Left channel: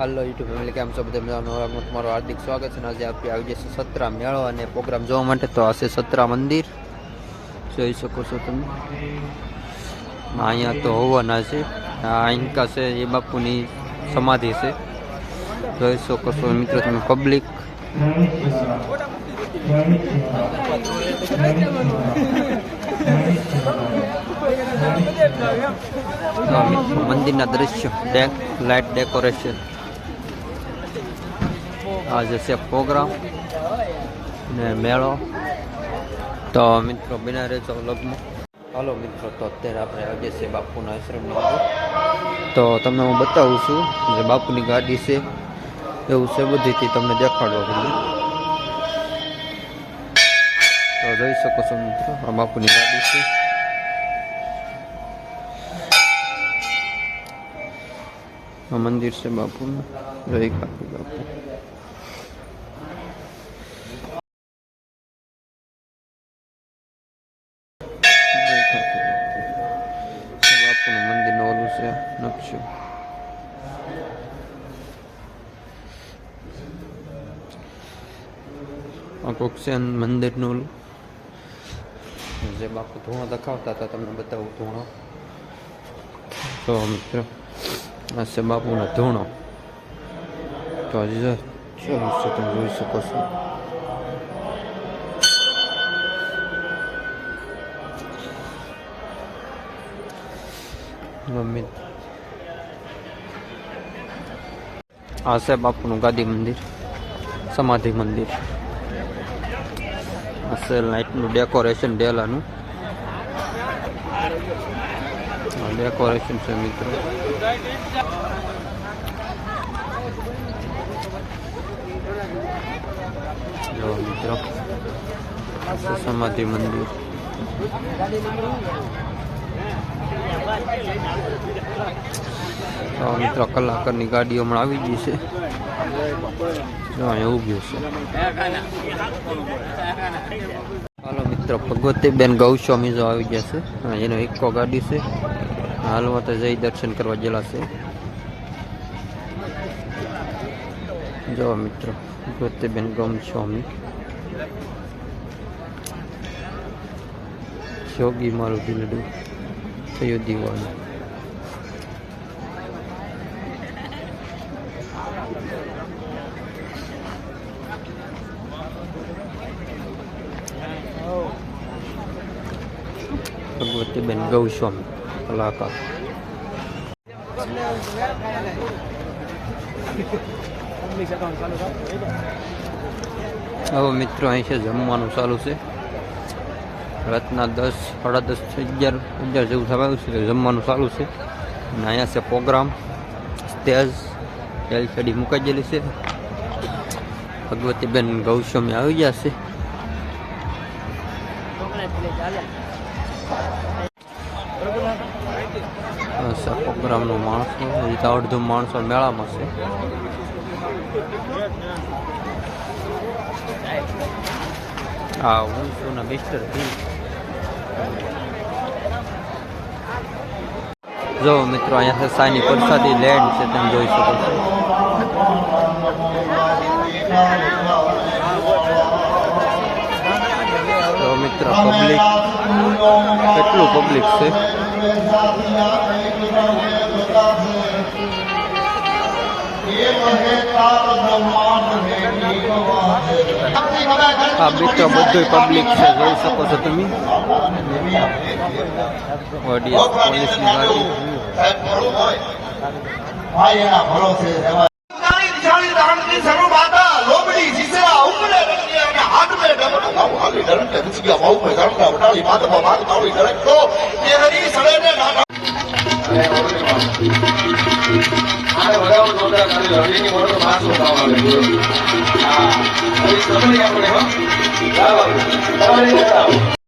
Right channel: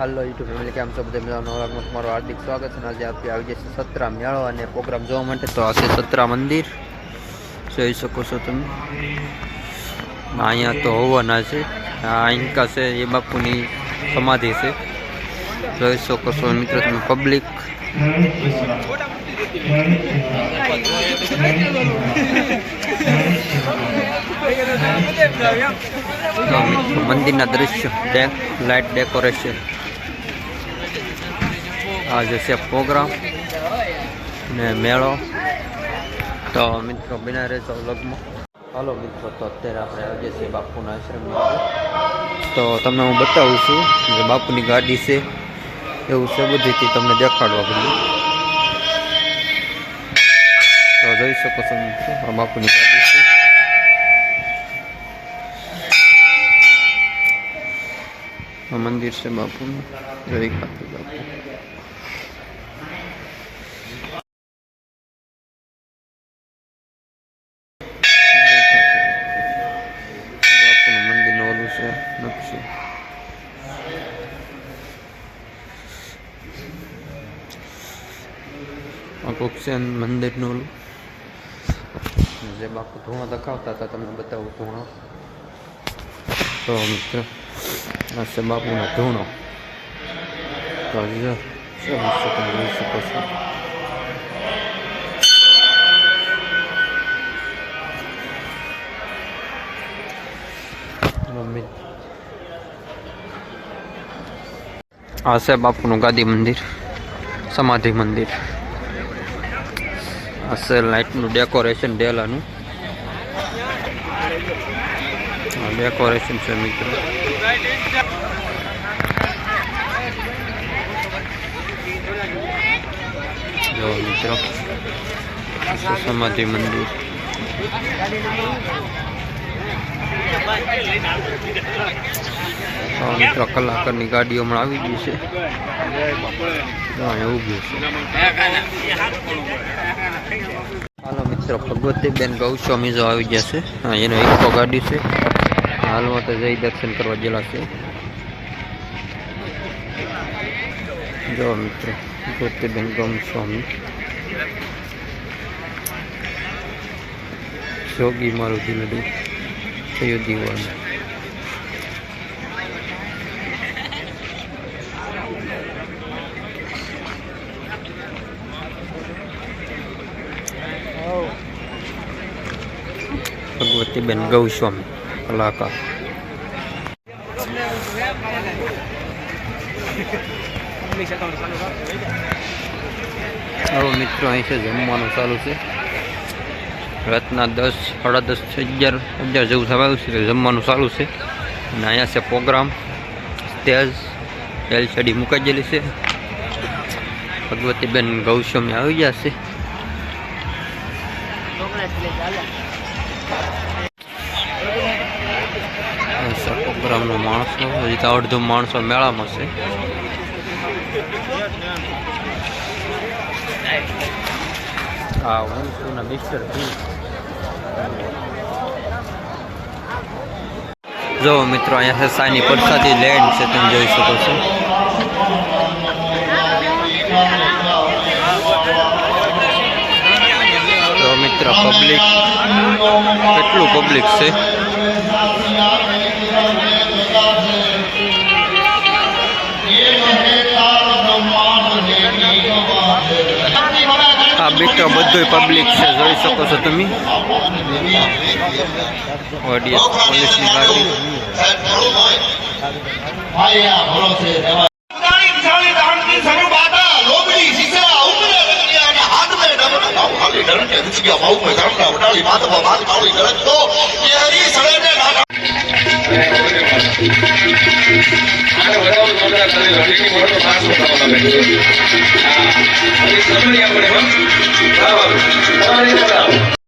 હાલો YouTube family કેમ છો બધા મજાનો વ્લોગમાં તમારું હાર્દિક સ્વાગત છે અને આજે આપણે આવી જશે સત્રા મેળો અને પ્રોગ્રામ જોવા માટે. તો આ છે સત્રા મંદિર. જોઈ શકો છો તમે. અને અહીંયા તો હોવાના છે. આ ઇન્કા છે, એ બાપુની સમાધિ છે. જોઈ શકો છો મિત્રો તમે પબ્લિક. તો મિત્રો મંદિરના દ્રશ્ય, ડેક, લાઇટ ડેકોરેશન. આજે છે પ્રોગ્રામ ને મેળો. તો મિત્રો, બિના રહેશો લગ્નમાં હાલો મિત્રો, તો અત્યારે આપણે આજે છે બાપુના આશ્રમમાં તો તમને હું બતાવું છું જે બાપુની ગાડી છે, એવું છે બધીથી તમને દેખાડવા બધું તો જોઈ શકો છો મિત્રો, આ બાપુની ગાડી છે. આ મંદિર છે બાપુનું. જય કાપી બાપુ. નકશો આ કોક છે મંદિરનું ઓલું જે બાપુ ધૂણો દેખાવતા હતા તમને બતાવું ધૂણો તો મિત્ર આ છે બાપુનો ધૂણો તો જો શું તમે જોઈ શકો છો જો આ છે બાપુનું ગાદી મંદિર, સમાધિ મંદિર. આ છે લાઇટનું ડેકોરેશન ડેલાનું. ડેકોરેશન છે મિત્રો. જો મિત્રો સમાધિ મંદિર. તો મિત્રો, કલાકારની ગાડીઓ હમણાં આવી ગઈ છે. અહીંયા છે. હાલો, મિત્રો, ભગવતીબેન ગૌસ્વામી જો આવી ગયા છે. એનો ઇકો ગાડી છે. હાલમાં તો જઈ દર્શન કરવા ગયેલા છે. જો, મિત્રો, ભગવતીબેન ગૌસ્વામી. જોગી મારું દિલડું થયું દીવાનું ભગવતીબેન ગૌસ્વામી, કલાકાર. હવે મિત્રો, અહીં છે જમવાનું ચાલુ છે. રાતના દસ, સાડા દસ અગિયાર અગિયાર જેવું થવાયું છે જમવાનું ચાલુ છે. અને અહીંયા છે પ્રોગ્રામ, સ્ટેજ, એલસીડી મુકાઈ ગયેલી છે. ભગવતીબેન ગૌસ્વામી આવી ગયા છે. અચ્છા ગ્રામનો માણસો હજી તો અડધો માણસો મેળામાં છે. હા ભીલ જો મિત્રો, અહીંયા છે સાની પ્રસાદી લેન્ડ છે, તમે જોઈ શકો છો. તો મિત્ર પબ્લિક કેટલું પબ્લિક છે? આ મિત્રો બધું પબ્લિક છે, જોઈ શકો છો તમે. ઓડિયન્સ પોલીસની ગાડી. દુચિયા ભાવ મે કરમના વટાળી માતા બાત કાળી ગલત તો એ હરી સડે ને આને વધારો જોરદાર કરી રણીની વડો માણસ બતાવવા માંગે છે હા સમણી આપણે હો બતાવો